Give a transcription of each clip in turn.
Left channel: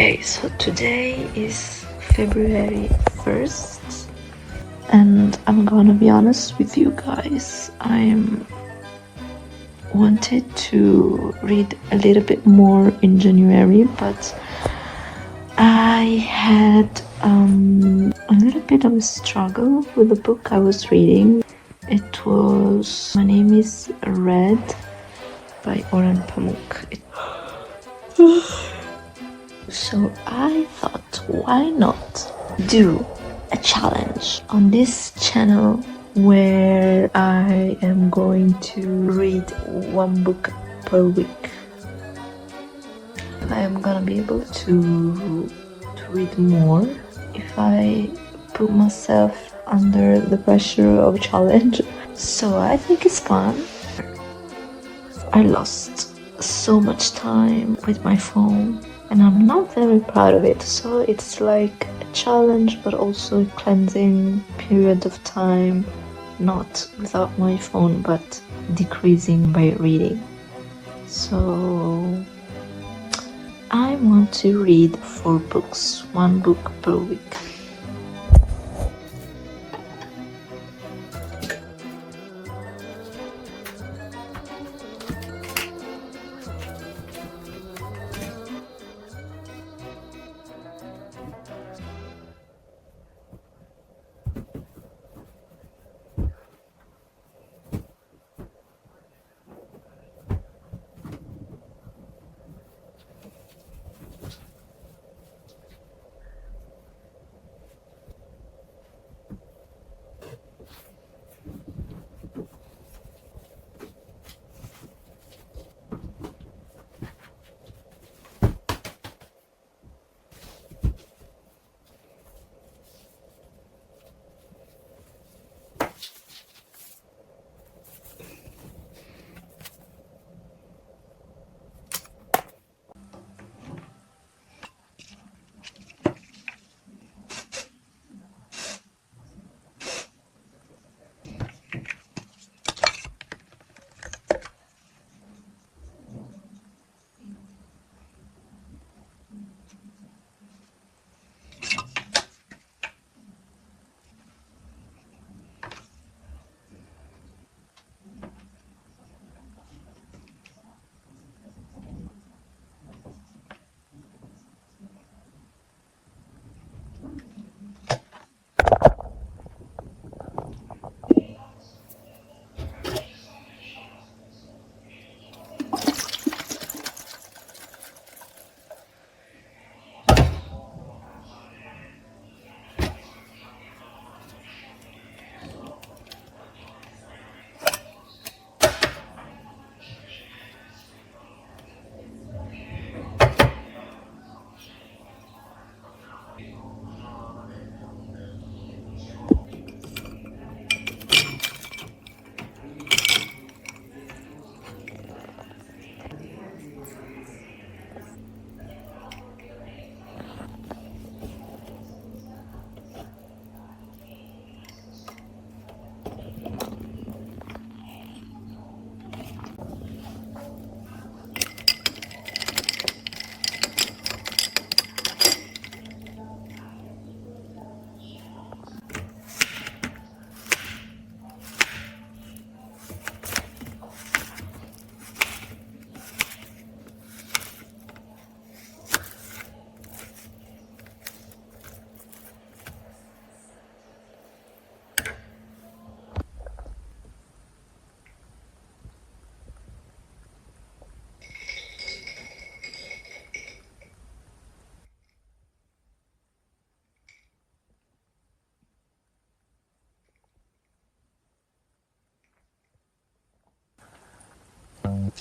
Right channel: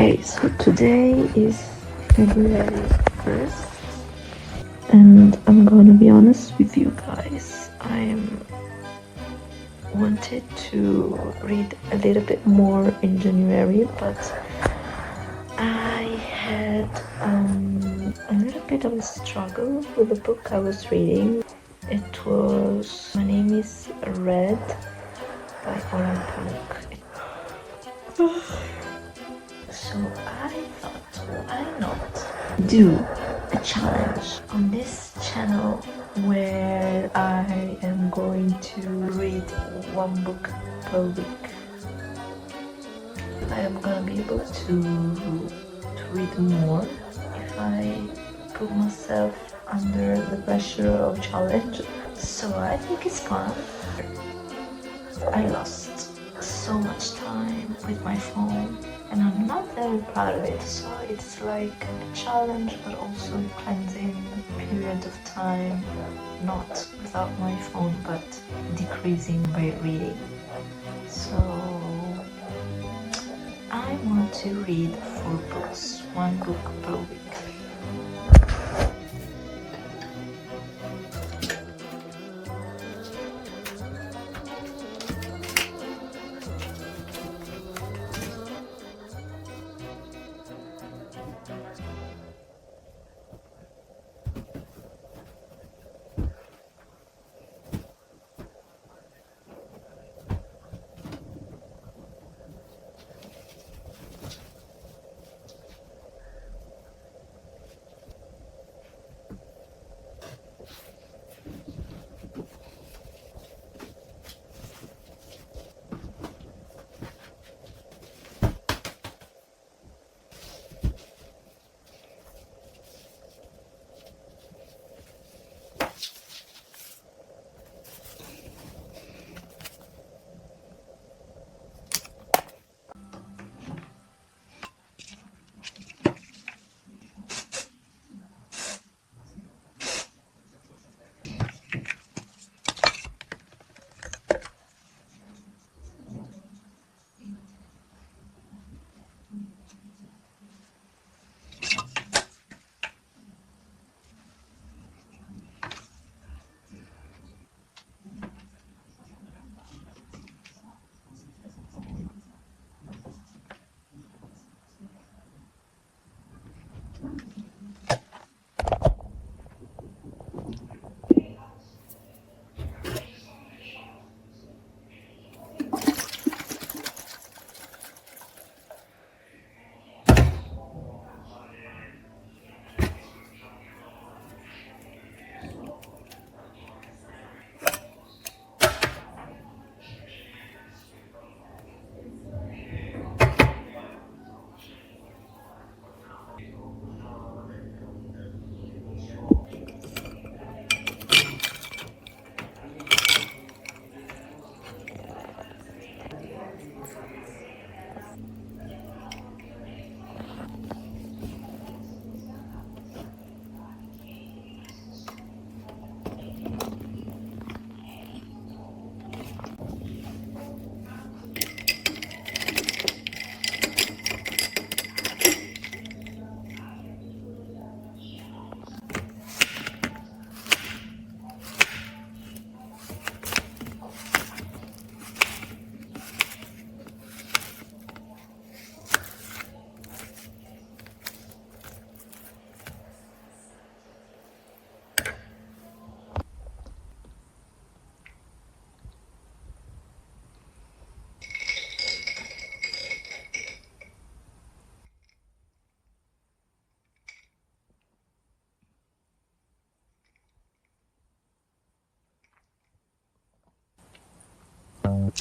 Okay, so today is February 1st, and I'm gonna be honest with you guys. I wanted to read a little bit more in January, but I had a little bit of a struggle with the book I was reading. It was My Name is Red by Orhan Pamuk. So I thought, why not do a challenge on this channel where I am going to read one book per week. I am gonna be able to read more if I put myself under the pressure of a challenge. So I think it's fun. I lost so much time with my phone and I'm not very proud of it, so it's like a challenge but also a cleansing period of time, not without my phone but decreasing by reading. So I want to read 4 books, 1 book per week.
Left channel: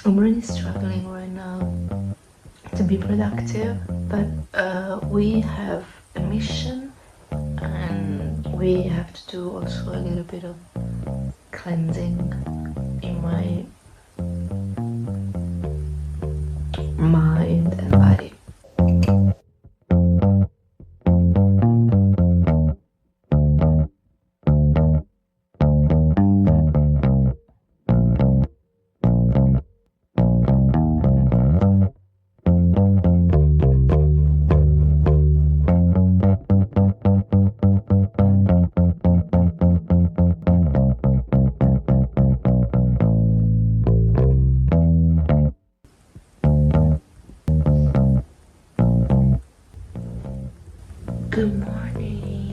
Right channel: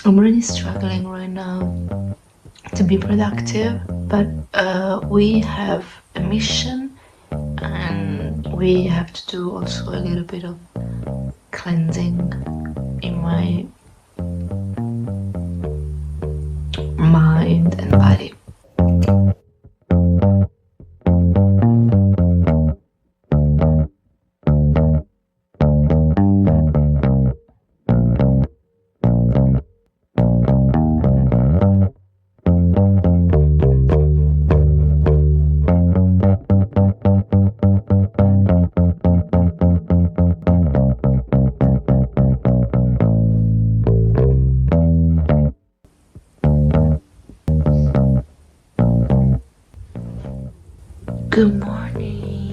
I'm really struggling right now to be productive, but we have a mission and we have to do also a little bit of cleansing in my mind and body. Good morning.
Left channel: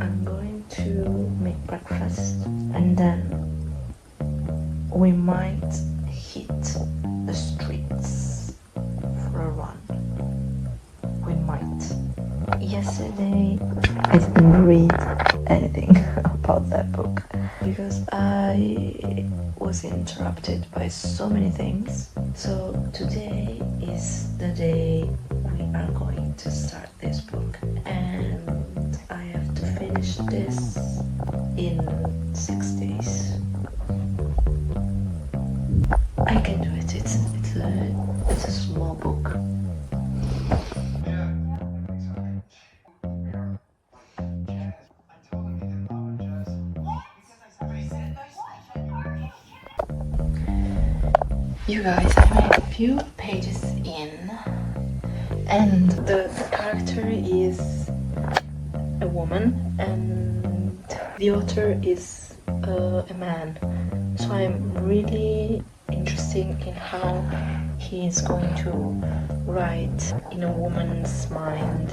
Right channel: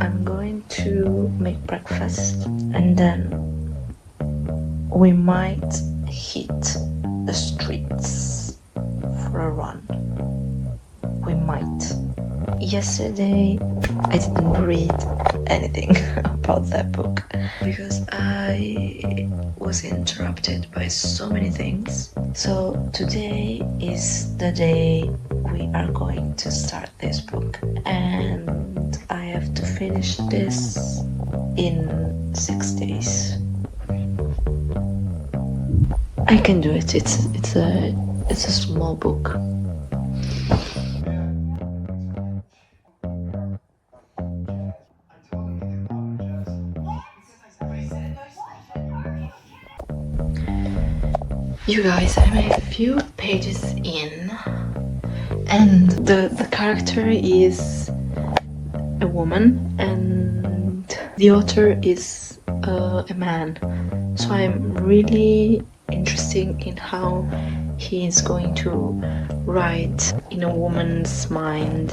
I'm going to make breakfast and then we might hit the streets for a run. We might. Yesterday I didn't read anything about that book because I was interrupted by so many things. So today is the day we are going to start this book, and I have to finish this in 6 days. I can do it. It's a small book. You guys, I made a few pages in, and the character is a woman and the author is a man. So I'm really interested in how he is going to write in a woman's mind.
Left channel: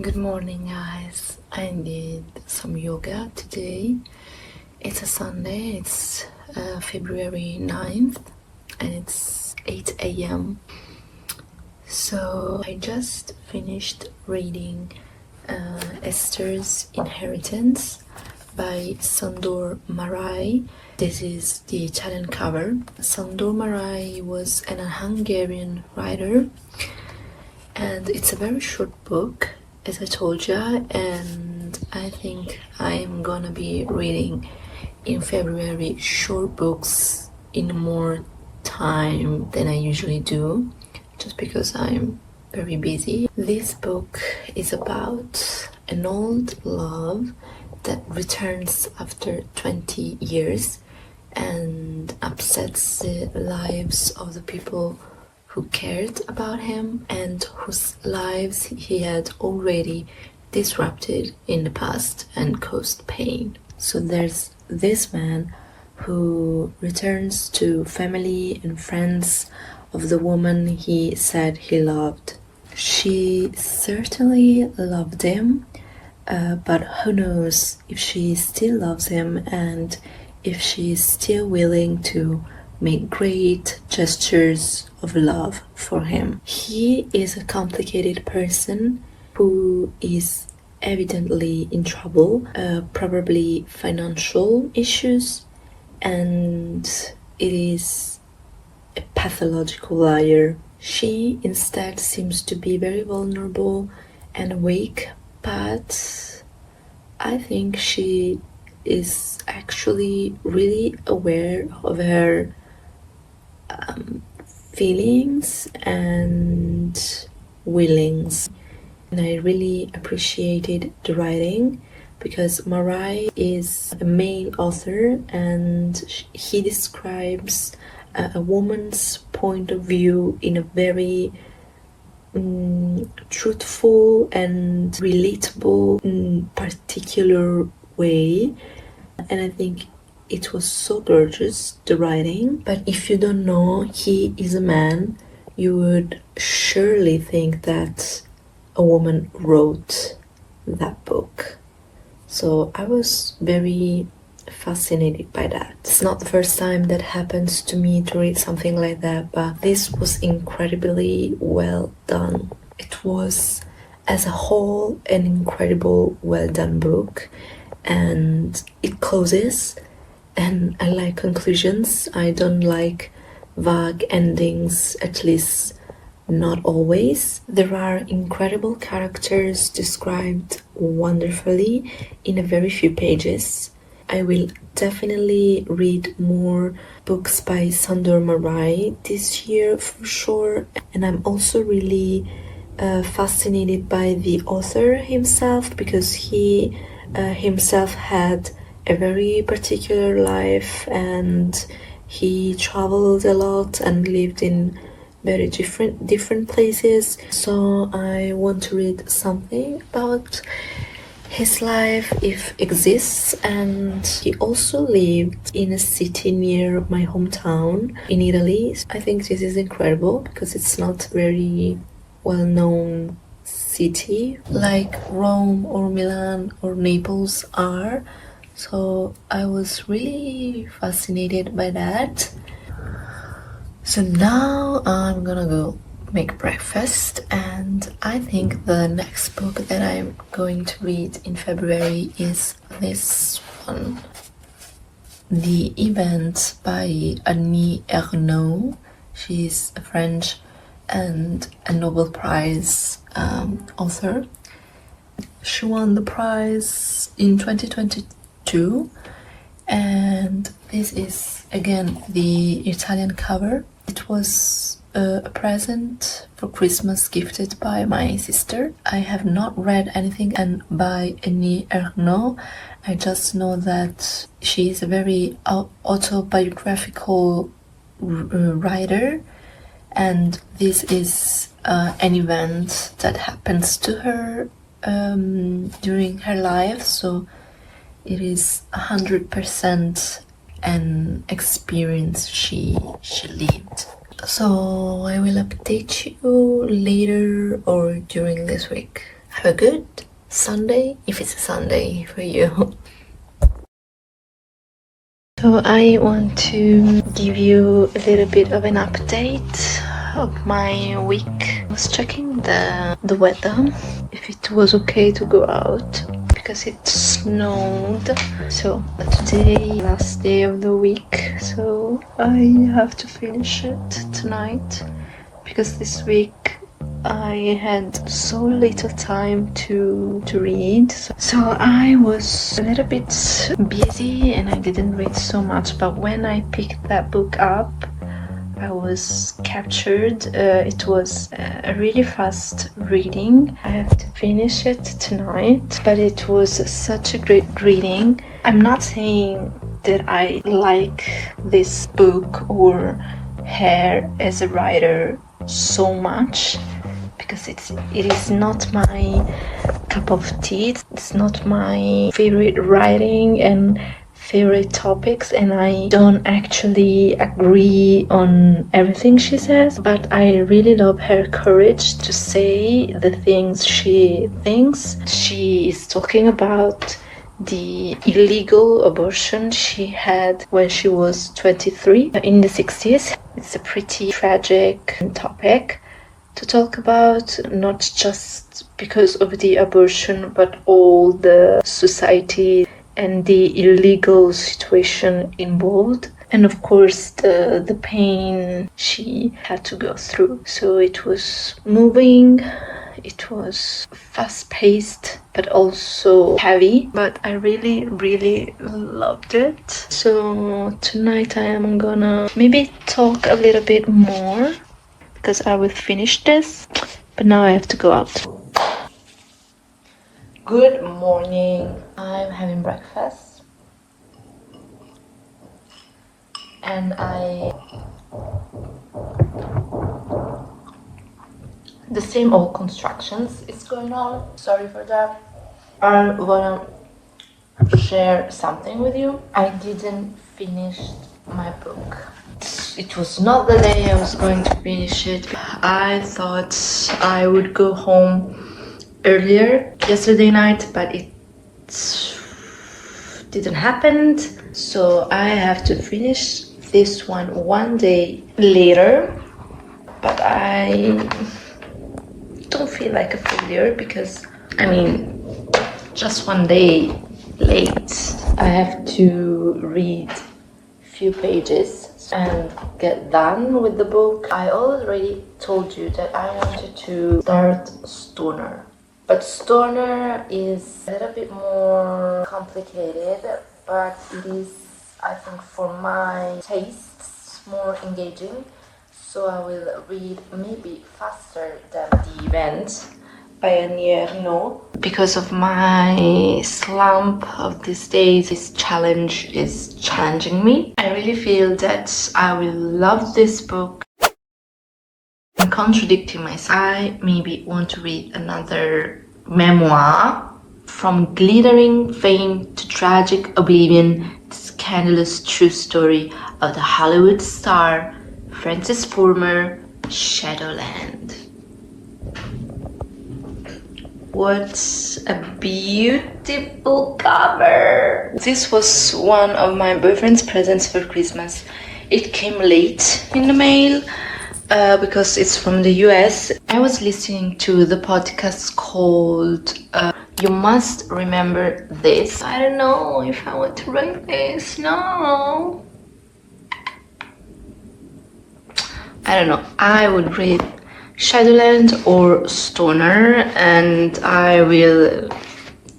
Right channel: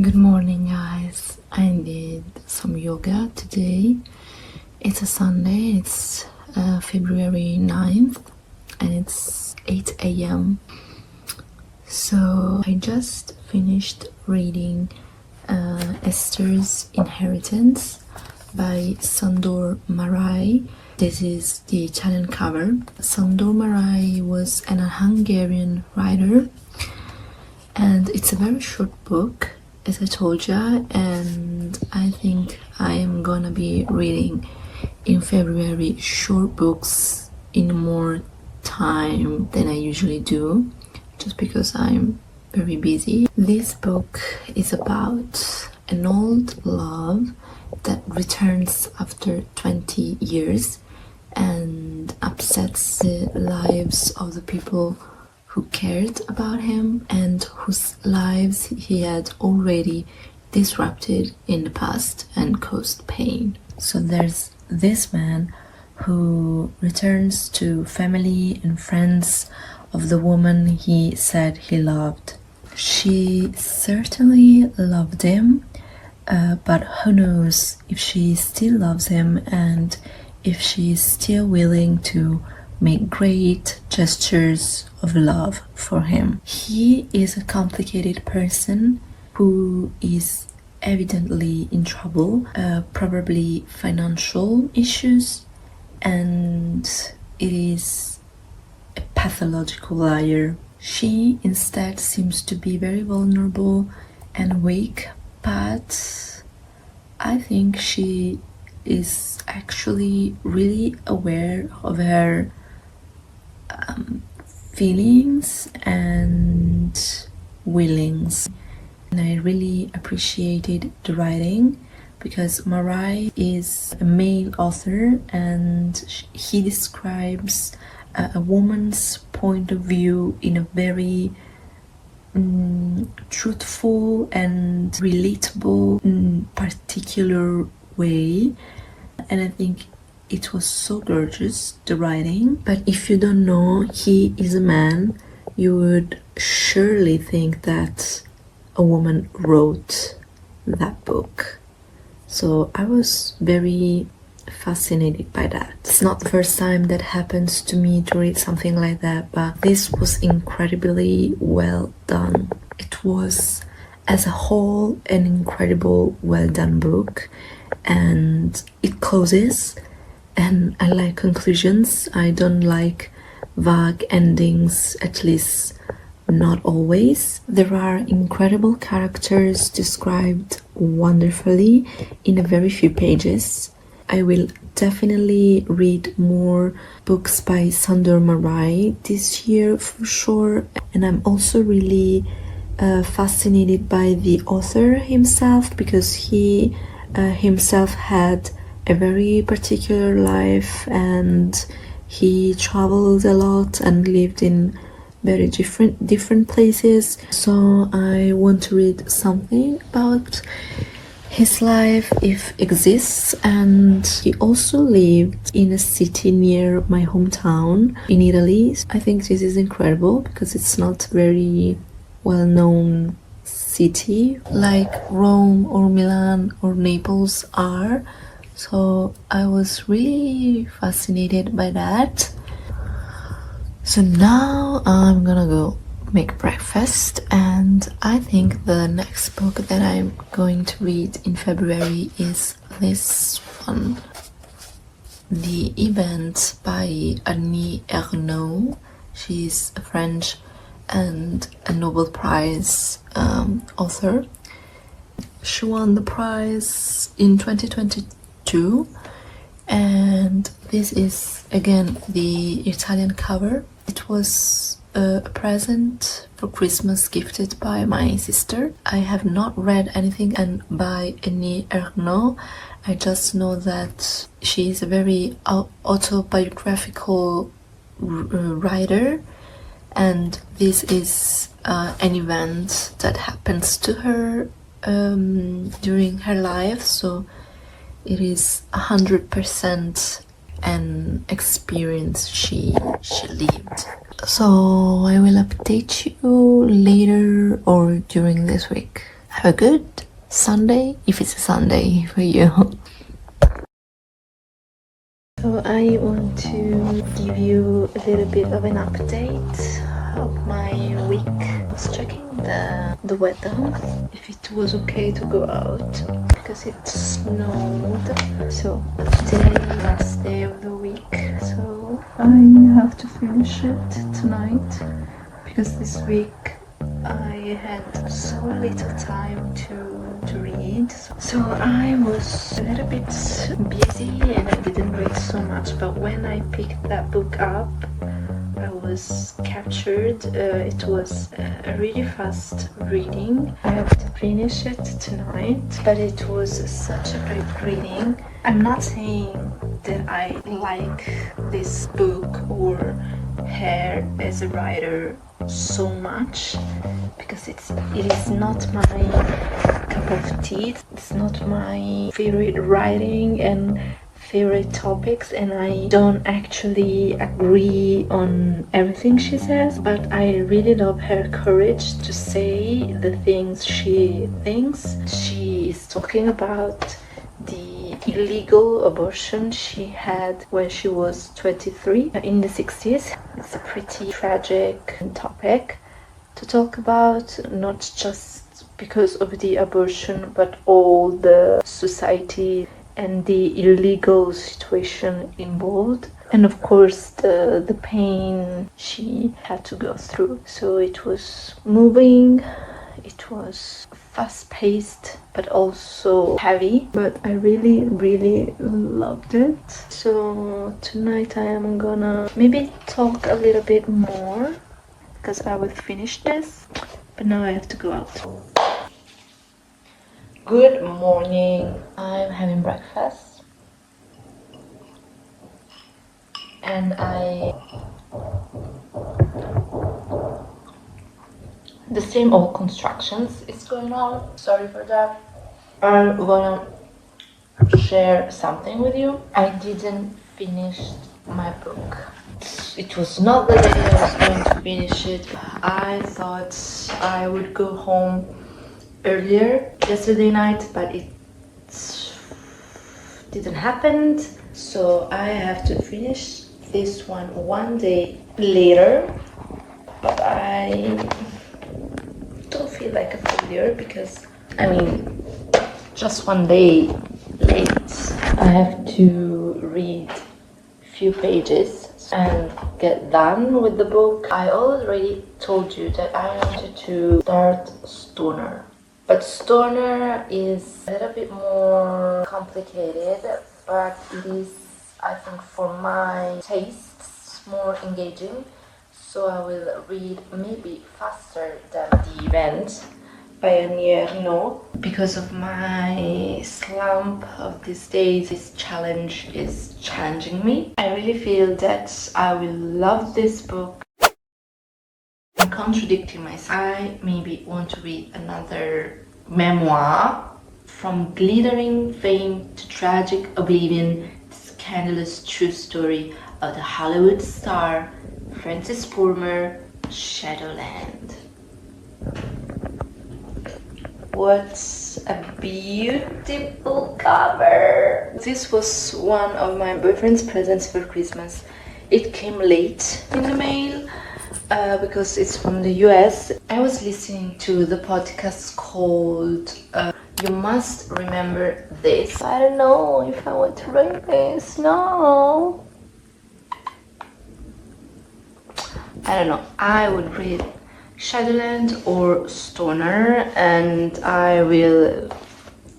Good morning, guys. I did some yoga today. It's a Sunday, it's February 9th and it's 8 a.m. So I just finished reading Esther's Inheritance by Sandor Marai. This is the Italian cover. Sandor Marai was an Hungarian writer and it's a very short book, as I told you, and I think I'm gonna be reading in February short books in more time than I usually do, just because I'm very busy. This book is about an old love that returns after 20 years and upsets the lives of the people who cared about him and whose lives he had already disrupted in the past and caused pain. So there's this man who returns to family and friends of the woman he said he loved. She certainly loved him, but who knows if she still loves him and if she is still willing to make great gestures of love for him. He is a complicated person who is evidently in trouble, probably financial issues, and it is a pathological liar. She instead seems to be very vulnerable and weak, but I think she is actually really aware of her feelings and willings. And I really appreciated the writing because Marai is a male author and he describes a woman's point of view in a very truthful and relatable, particular way. And I think it was so gorgeous, the writing. But if you don't know he is a man, you would surely think that a woman wrote that book. So I was very fascinated by that. It's not the first time that happens to me to read something like that, but this was incredibly well done. It was, as a whole, an incredible, well done book, and it closes, and I like conclusions. I don't like vague endings, at least not always. There are incredible characters described wonderfully in a very few pages. I will definitely read more books by Sandor Marai this year for sure, and I'm also really fascinated by the author himself, because he himself had a very particular life, and he traveled a lot and lived in very different places. So I want to read something about his life, if exists. And he also lived in a city near my hometown in Italy. I think this is incredible because it's not very well-known city like Rome or Milan or Naples are. So I was really fascinated by that. So now I'm gonna go make breakfast, and I think the next book that I'm going to read in February is this one, The Event by Annie Ernaux. She's a French and a Nobel Prize author. She won the prize in 2022, and this is again the Italian cover. It was a present for Christmas gifted by my sister. I have not read anything by Annie Ernaux. I just know that she is a very autobiographical writer, and this is an event that happens to her during her life, so it is 100% an experience she lived. So I will update you later or during this week. Have a good Sunday, if it's a Sunday for you. So I want to give you a little bit of an update of my week. I was checking the weather, if it was okay to go out, because it snowed. So today, last day of the week, so I have to finish it tonight, because this week I had so little time to read. So I was a little bit busy and I didn't read so much, but when I picked that book up, I was captured. It was a really fast reading. I have to finish it tonight, but it was such a great reading. I'm not saying that I like this book or her as a writer so much, because it is not my cup of tea. It's not my favorite writing and favorite topics, and I don't actually agree on everything she says, but I really love her courage to say the things she thinks. She is talking about the illegal abortion she had when she was 23 in the 60s. It's a pretty tragic topic to talk about, not just because of the abortion, but all the society and the illegal situation involved, and of course the pain she had to go through. So it was moving, it was fast-paced, but also heavy, but I really loved it. So tonight I am gonna maybe talk a little bit more, because I will finish this, but now I have to go out. Good morning. I'm having breakfast and the same old constructions is going on. Sorry for that. I wanna share something with you. I didn't finish my book. It was not the day I was going to finish it. I thought I would go home earlier yesterday night, but it didn't happen. So I have to finish this one day later, but I don't feel like a failure, because I mean, just one day late. I have to read a few pages. and get done with the book. I already told you that I wanted to start Stoner. But Stoner is a little bit more complicated, but it is, I think, for my tastes, more engaging. So I will read maybe faster than the event Pioneer No. Because of my slump of these days, this challenge is challenging me. I really feel that I will love this book. I'm contradicting myself. I maybe want to read another memoir. From glittering fame to tragic oblivion, the scandalous true story of the Hollywood star Frances Palmer, Shadowland. What a beautiful cover! This was one of my boyfriend's presents for Christmas. It came late in the mail because it's from the US. I was listening to the podcast called You Must Remember This. I don't know if I want to write this. No. I don't know. I would read Shadowland or Stoner, and I will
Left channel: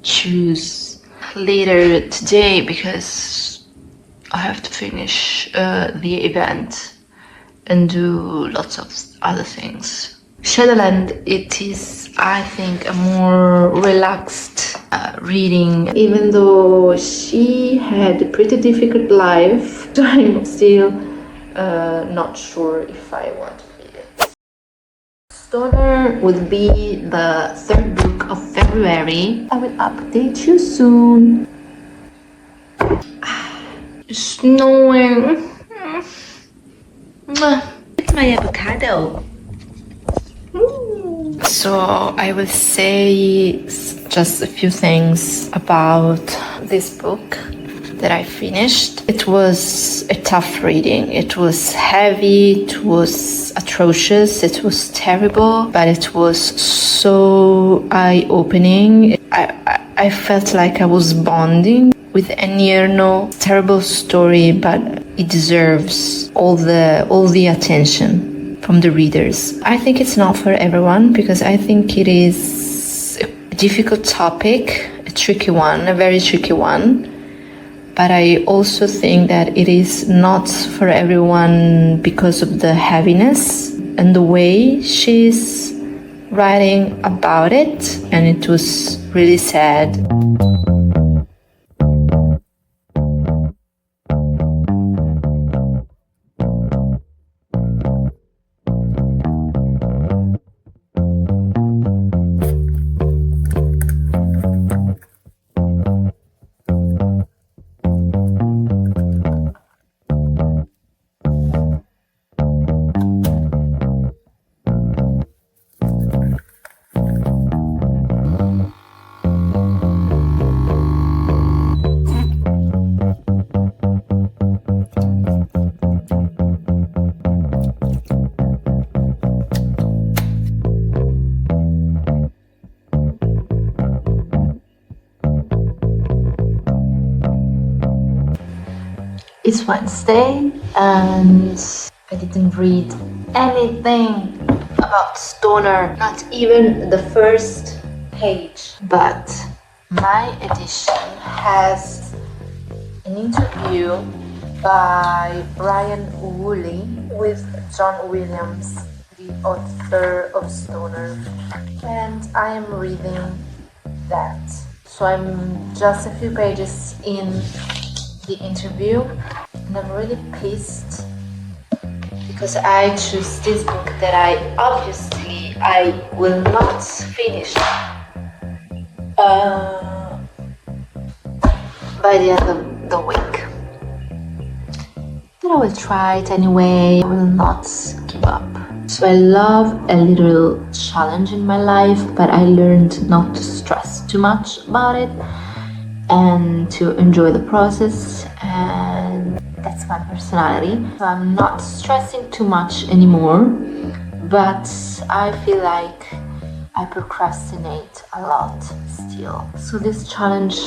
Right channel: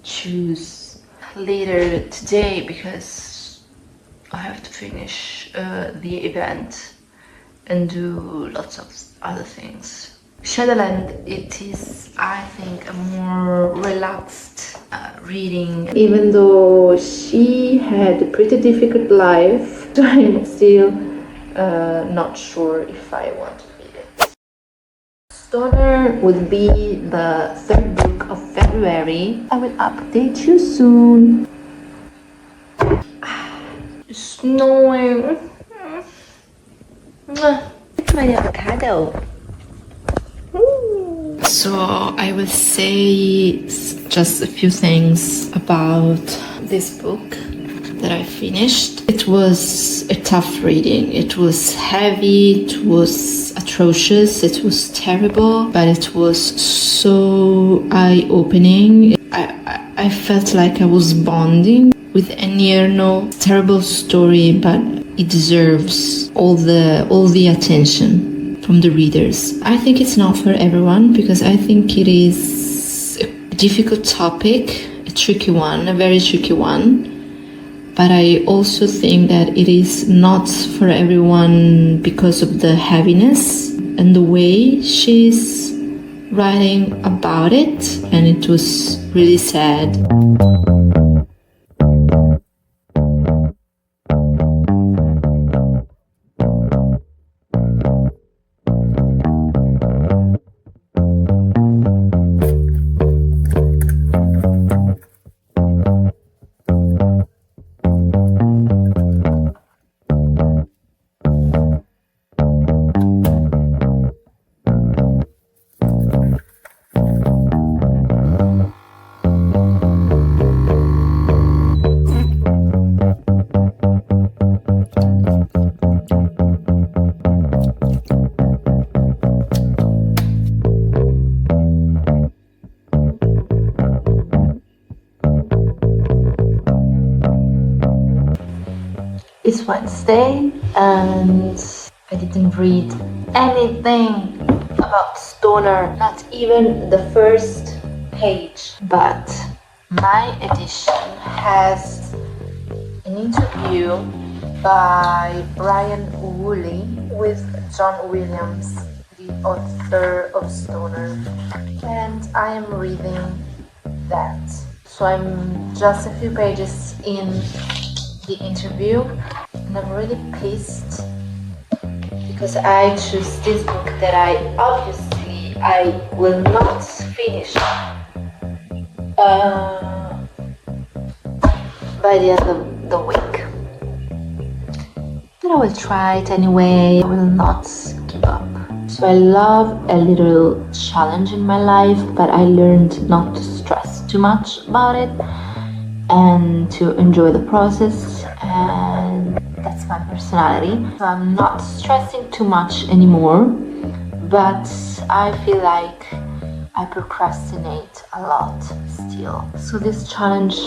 choose later today because I have to finish the event and do lots of other things. Shadowland, it is, I think, a more relaxed reading. Even though she had a pretty difficult life, I'm still not sure if I want to read it. Stoner will be the third book of February. I will update you soon. It's snowing. It's my avocado. So I will say just a few things about this book that I finished. It was a tough reading. It was heavy, it was atrocious, it was terrible, but it was so eye-opening. I felt like I was bonding with Enierno. Terrible story, but it deserves all the attention from the readers. I think it's not for everyone because I think it is a difficult topic, a tricky one, a very tricky one. But I also think that it is not for everyone because of the heaviness and the way she's writing about it. And it was really sad. It's Wednesday and I didn't read anything about Stoner, not even the first page. But my edition has an interview by Brian Woolley with John Williams, the author of Stoner, and I am reading that. So I'm just a few pages in the interview and I'm really pissed because I choose this book that I will not finish by the end of the week, but I will try it anyway. I will not give up. So I love a little challenge in my life, but I learned not to stress too much about it and to enjoy the process, and that's my personality. So I'm not stressing too much anymore, but I feel like I procrastinate a lot still. So this challenge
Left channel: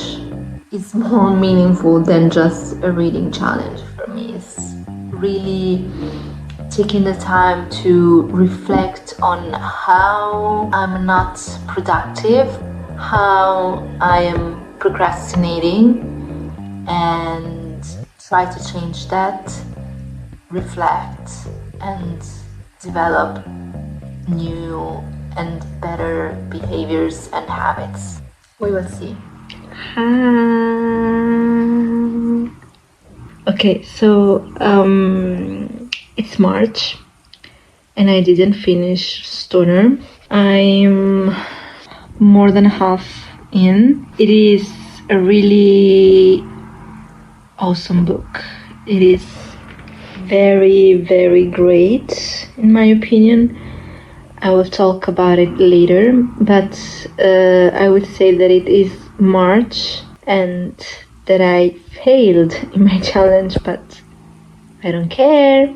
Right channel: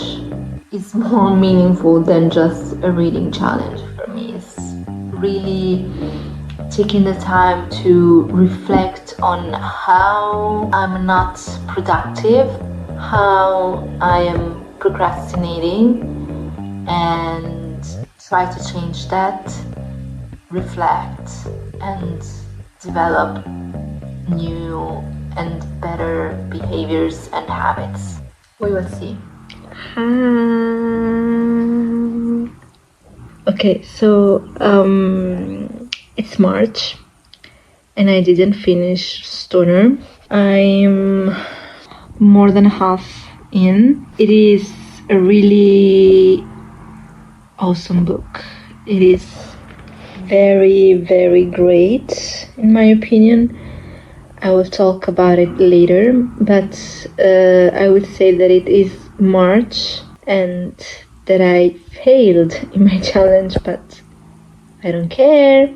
is more meaningful than just a reading challenge for me. It's really taking the time to reflect on how I'm not productive, how I am procrastinating, and try to change that, reflect, and develop new and better behaviors and habits. We will see. Okay, so it's March and I didn't finish Stoner. I'm more than half in. It is a really awesome book. It is very, very great in my opinion. I will talk about it later, but I would say that it is March and that I failed in my challenge, but I don't care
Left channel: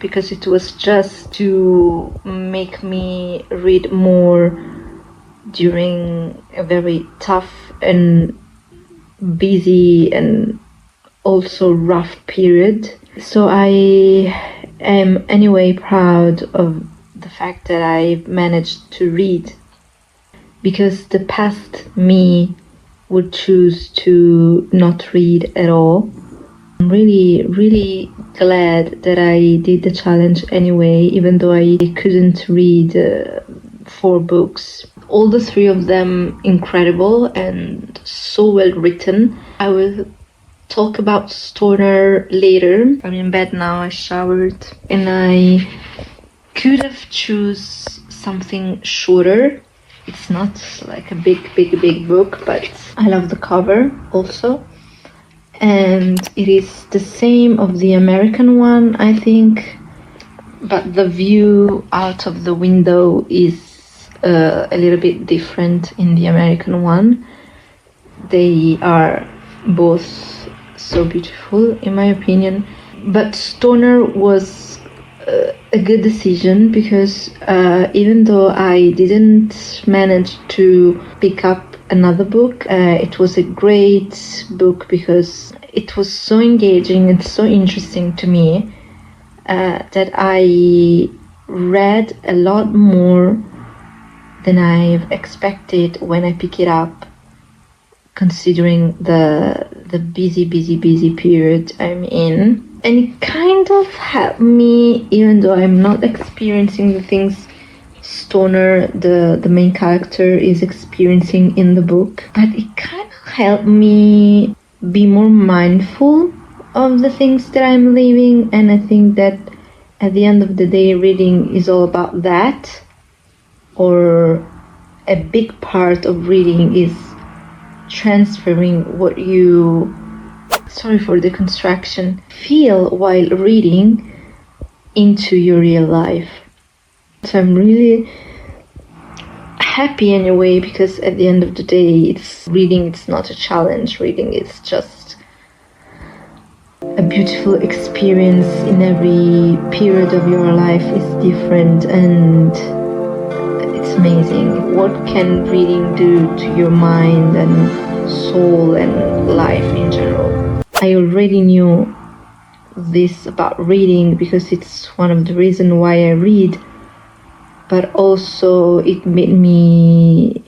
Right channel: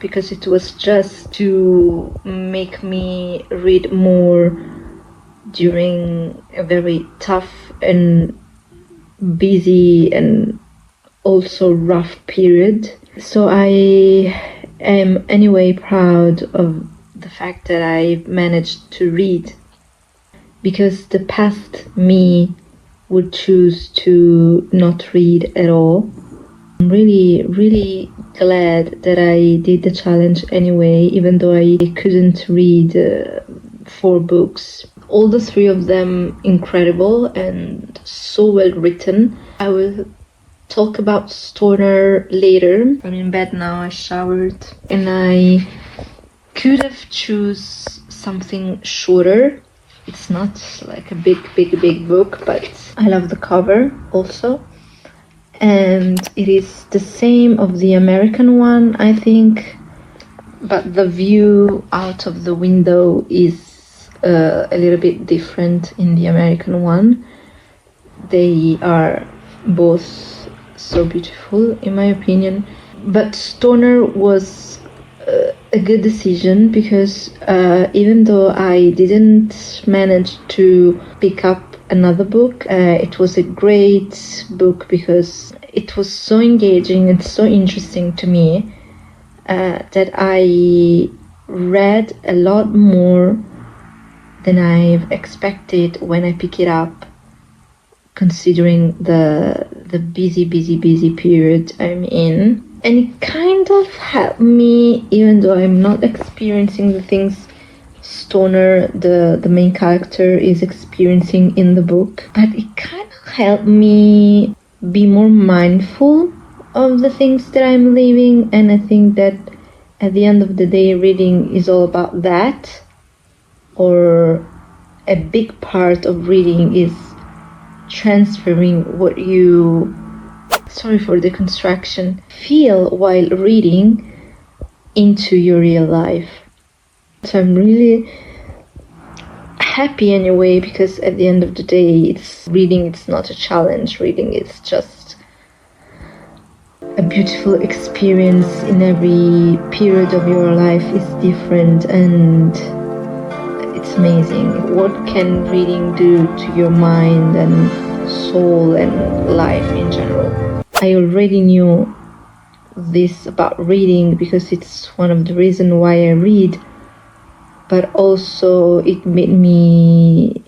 because it was just to make me read more during a very tough and busy and also rough period. So I am anyway proud of the fact that I managed to read, because the past me would choose to not read at all. I'm really, really glad that I did the challenge anyway, even though I couldn't read 4 books. All the 3 of them incredible and so well written. I will talk about Stoner later. I'm in bed now, I showered, and I could have choose something shorter. It's not like a big book, but I love the cover also. And it is the same of the American one, I think, but the view out of the window is a little bit different in the American one. They are both so beautiful in my opinion, but Stoner was a good decision because even though I didn't manage to pick up another book, it was a great book because it was so engaging and so interesting to me that I read a lot more than I've expected when I pick it up, considering the busy period I'm in. And it kind of helped me, even though I'm not experiencing the things Stoner, the main character, is experiencing in the book. But it kind of helped me be more mindful of the things that I'm living. And I think that at the end of the day, reading is all about that. Or a big part of reading is transferring what you, sorry for the construction, feel while reading into your real life. So I'm really happy anyway, because at the end of the day, it's not a challenge. Reading is just a beautiful experience. In every period of your life is different, and it's amazing. What can reading do to your mind and soul and life in general? I already knew this about reading because it's one of the reasons why I read, but also it made me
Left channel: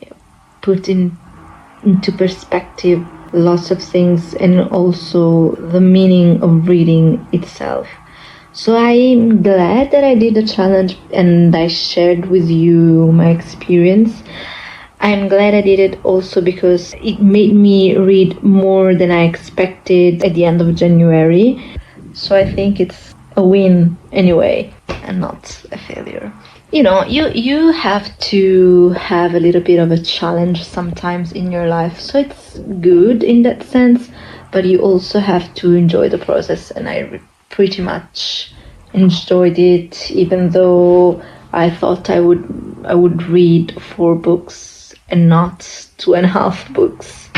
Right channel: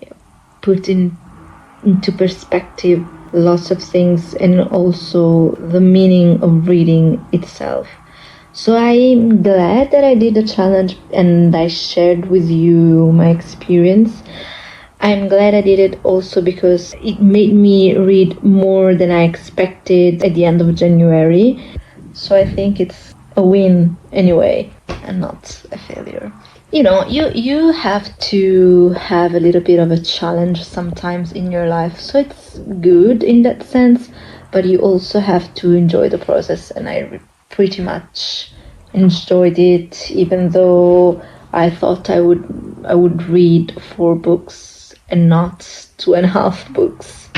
put into perspective lots of things, and also the meaning of reading itself. So I'm glad that I did the challenge and I shared with you my experience. I'm glad I did it also because it made me read more than I expected at the end of January. So I think it's a win anyway, and not a failure. You know, you have to have a little bit of a challenge sometimes in your life. So it's good in that sense, but you also have to enjoy the process. And I pretty much enjoyed it, even though I thought I would read 4 books and not 2.5 books.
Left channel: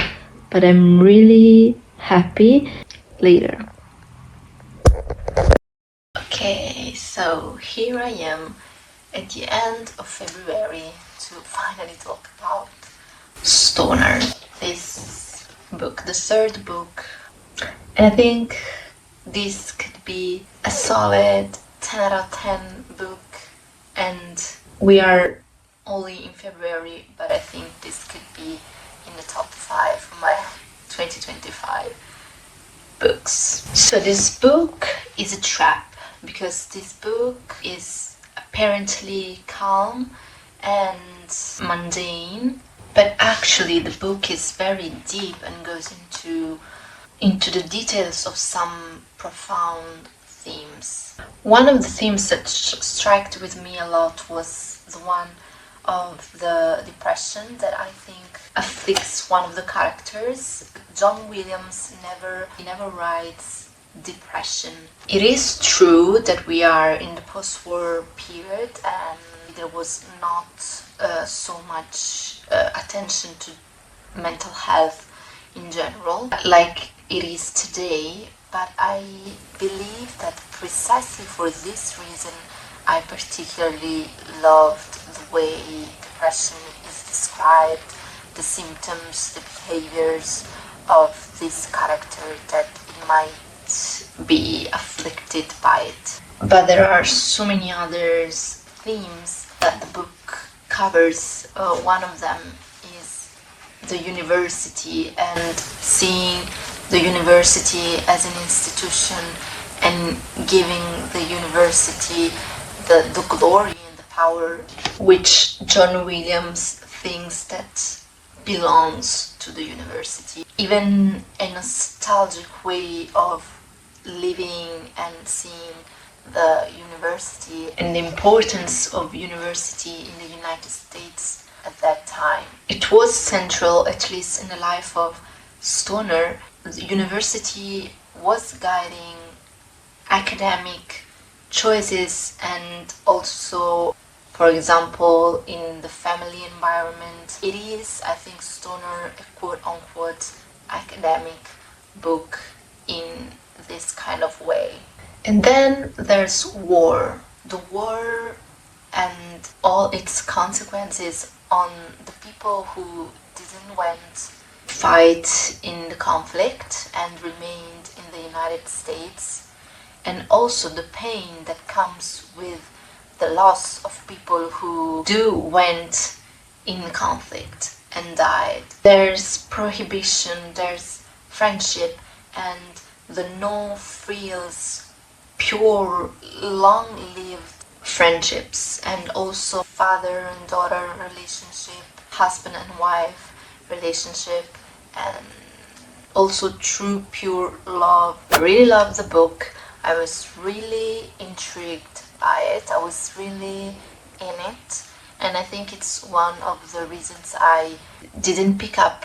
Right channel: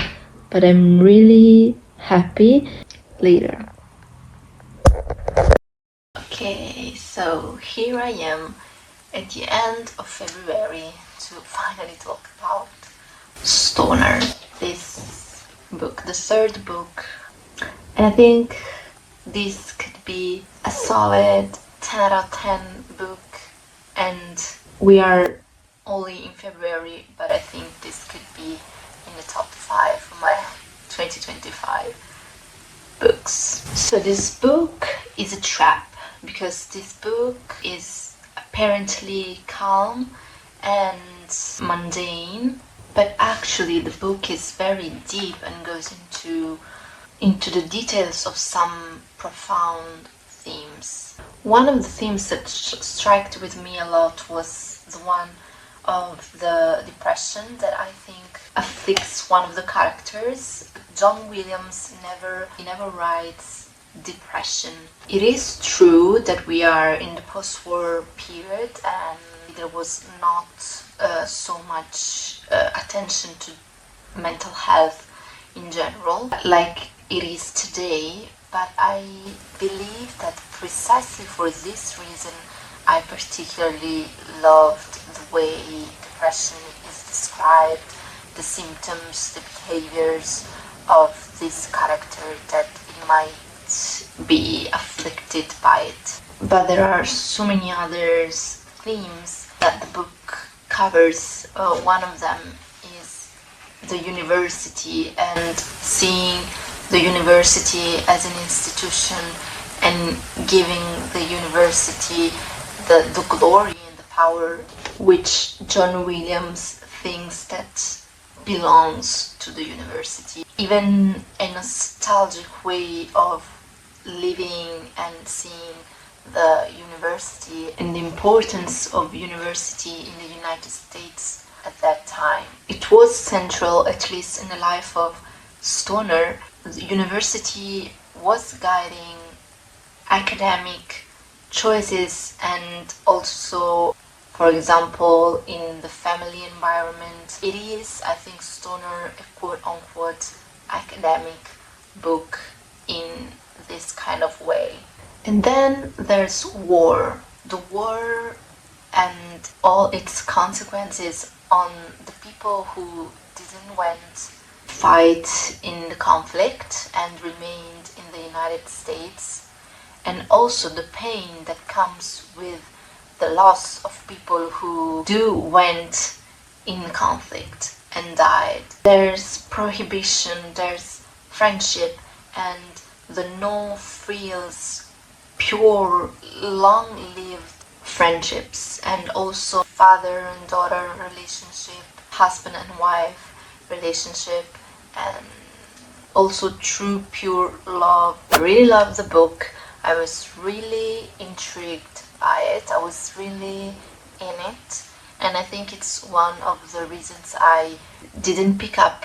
But I'm really happy. Later. Okay, so here I am at the end of February to finally talk about Stoner, this book, the 3rd book. And I think this could be a solid 10 out of 10 book, and we are only in February, but I think this could be in the top 5 of my 2025 books. So this book is a trap, because this book is apparently calm and mundane, but actually the book is very deep and goes into the details of some profound themes. One of the themes that struck with me a lot was the one of the depression that I think afflicts one of the characters. John Williams never writes depression. It is true that we are in the post-war period and there was not so much attention to mental health in general like it is today, but I believe that precisely for this reason I particularly loved the way depression is described, the symptoms, the behaviors of this character that might be afflicted by it. But there are so many other themes that the book covers. One of them is the university, and seeing the university as an institution and giving the university the glory and the power which John Williams thinks that belongs to the university. Even a nostalgic way of living and seeing the university and the importance of university in the United States at that time. It was central, at least in the life of Stoner. The university was guiding academic choices, and also, for example, in the family environment. It is, I think, Stoner a quote-unquote academic book in this kind of way. And then there's war. The war and all its consequences on the people who didn't went fight in the conflict and remained in the United States, and also the pain that comes with the loss of people who went in conflict and died. There's prohibition, there's friendship, and the no-frills, pure, long-lived friendships, and also father and daughter relationship, husband and wife relationship, and also true, pure love. I really loved the book. I was really intrigued by it. I was really in it. And I think it's one of the reasons I didn't pick up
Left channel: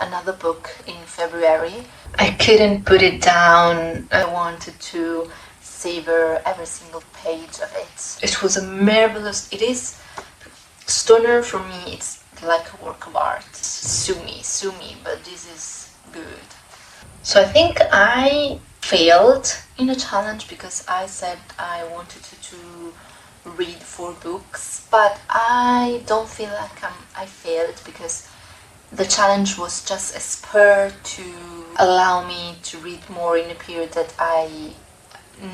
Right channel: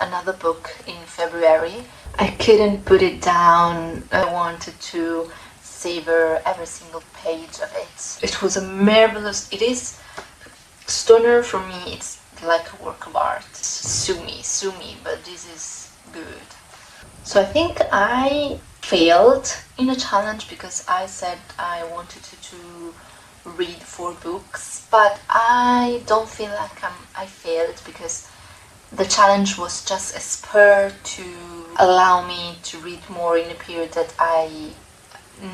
another book in February. I couldn't put it down. I wanted to savor every single page of it. It was a marvelous... It is... Stoner, for me, it's like a work of art. Sue me, but this is good. So I think I failed in a challenge because I said I wanted to read 4 books, but I don't feel like I failed, because the challenge was just a spur to allow me to read more in a period that I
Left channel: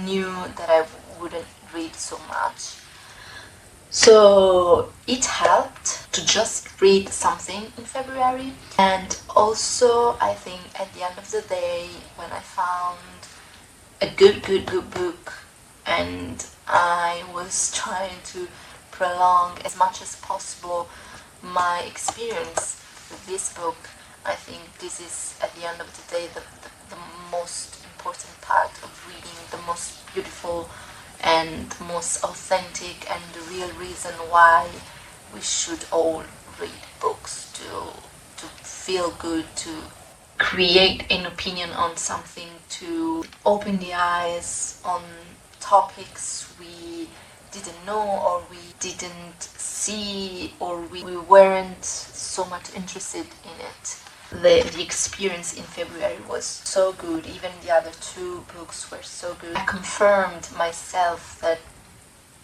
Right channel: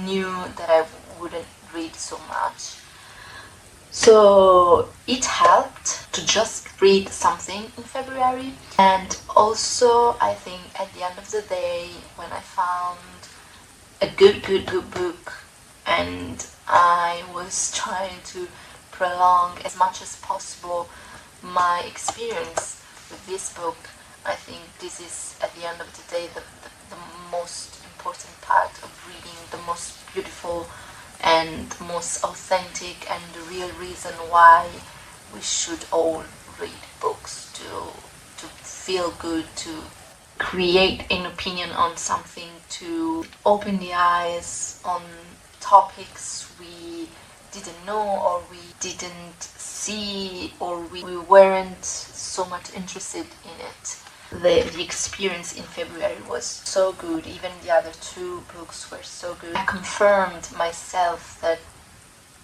knew that I wouldn't read so much. So it helped to just read something in February. And also, I think at the end of the day, when I found a good book and I was trying to prolong as much as possible my experience with this book, I think this is, at the end of the day, the most important part of reading, the most beautiful and most authentic, and the real reason why we should all read books, to feel good, to create an opinion on something, to open the eyes on topics we didn't know, or we didn't see, or we weren't so much interested in it. The experience in February was so good. Even the other 2 books were so good. I confirmed myself that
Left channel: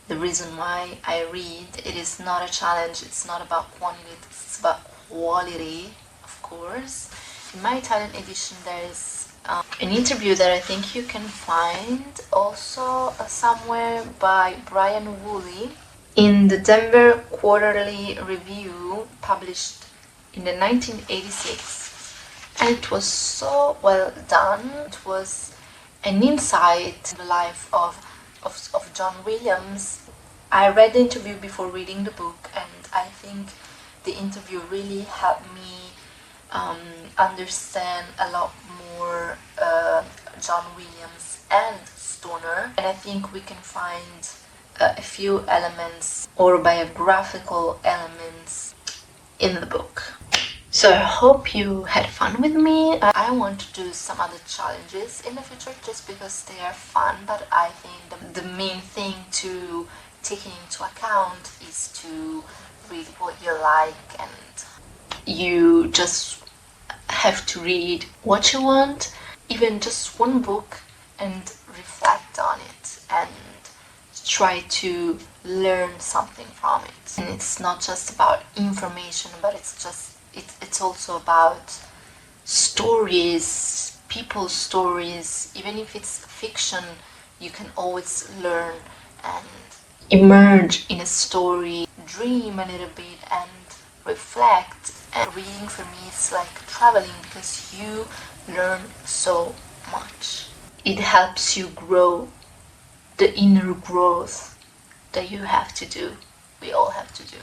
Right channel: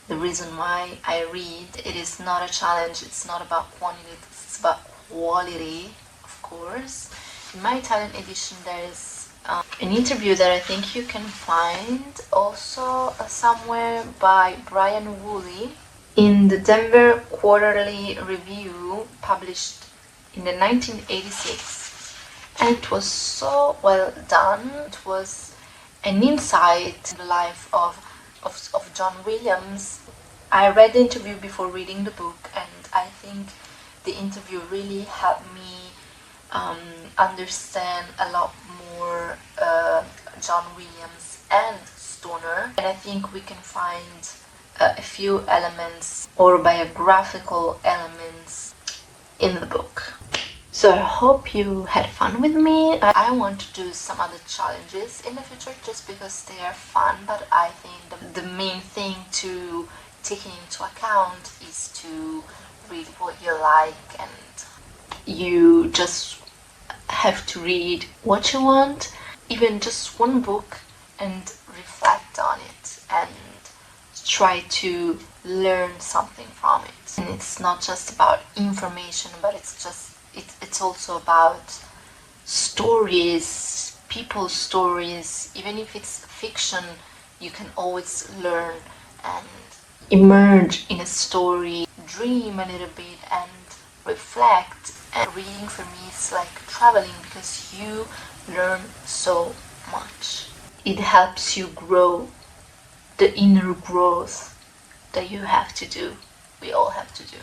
the reason why I read, it is not a challenge, it's not about quantity, it's about quality, of course. In my Italian edition there is an interview that I think you can find also somewhere by Brian Woolley in the Denver Quarterly Review, published in the 1986, and it was so well done. It was an insight in the life of John Williams. I read the interview before reading the book, and I think the interview really helped me understand a lot more John Williams and Stoner, and I think we can find a few elements or biographical elements in the book. So I hope you had fun with me. I want to do some other challenges in the future just because they are fun, but I think the main thing to take into account is to read what you like, and you just have to read what you want, even just one book, and reflect on it and try to learn something from it. And it's not just about information, but it's also about stories, people's stories. Even if it's fiction, you can always learn and emerge in a story, dream a little bit and reflect. And reading for me is like traveling, because you learn so much. It helps you grow, the inner growth that you have to do, we all have to do.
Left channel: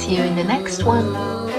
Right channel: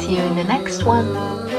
See you in the next one.